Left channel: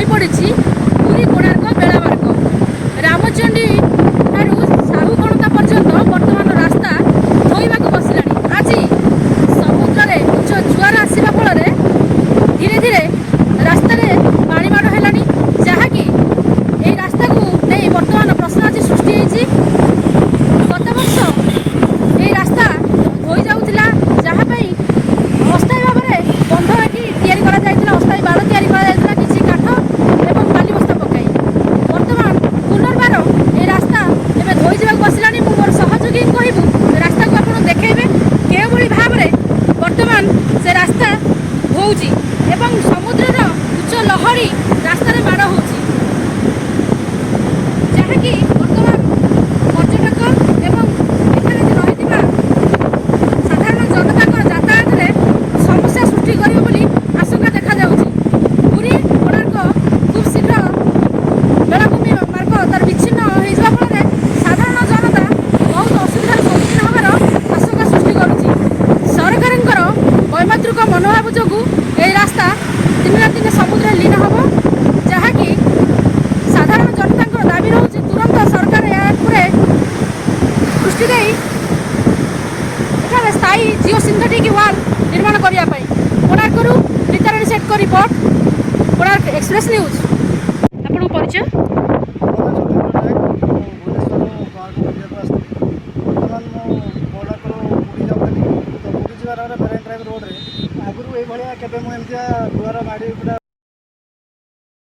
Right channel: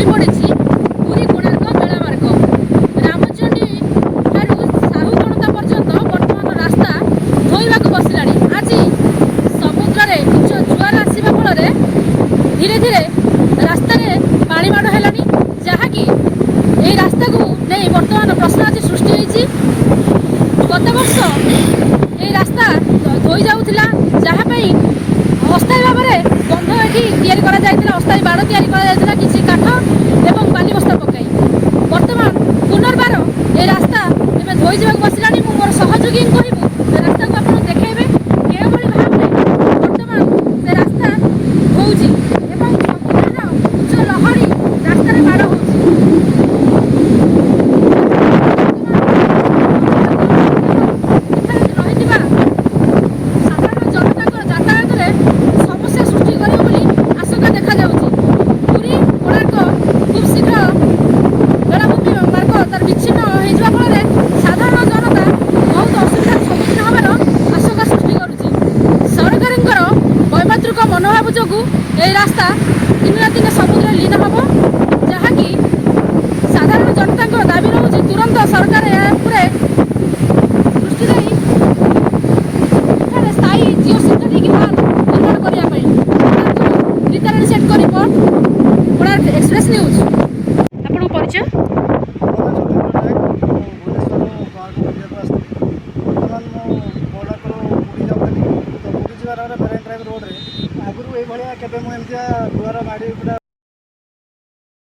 धोई पड़ी पुरी कोणार्क बेलामार्ग रामचंडी ठारू साहू गणता पर्यंत बर्तमान रास्ता धोइबा बसला। आज समुद्र में उच्च जुआर आसवा फल धीरे धीरे रास्त पाणीमाड़ है जहाँकि यही रास्ता को नहीं बर्तमान प्रश्न आज सृष्टि होती। गत वर्ष ये रास्ता धोई जाऊला जहाँपाई अस्थायी भाव में बंध ये अस्थायी बाड़ या किसी काठ एवं बाली बस्ता पकई बर्तमान पुनर्बार ये रास्ता एवं धोई जा बसला। मोर सहयोगी कहबू रास्ता को आप देखेबे के भाव में बर्तमान से रास्ता धोजी एवं समुद्र उच्च लहरी रास्तार माड़ हो विच्छिन्न हो फल साधारण जनता बहुत असुविधार सम्मुखीन होवार आशंका सृष्टि करुच्ची। सरकार वैमात्रिक मनोभाव जो यह रास्ता दिन दिन समुद्र लीन हम जहाँकि साधारण जनता दाबी रोचे तुरंत सरकार दृष्टि दे स्थायी जिओ सिंथेटिक वाल निर्माण करने कोणार्क रीताराणी सेठ को रिपोर्ट कोणार्क एक्सप्रेस न्यूज। आपन परिचय मेराइन ड्राइव रोड रे आगुरी ये दुआर माड़ी पूरा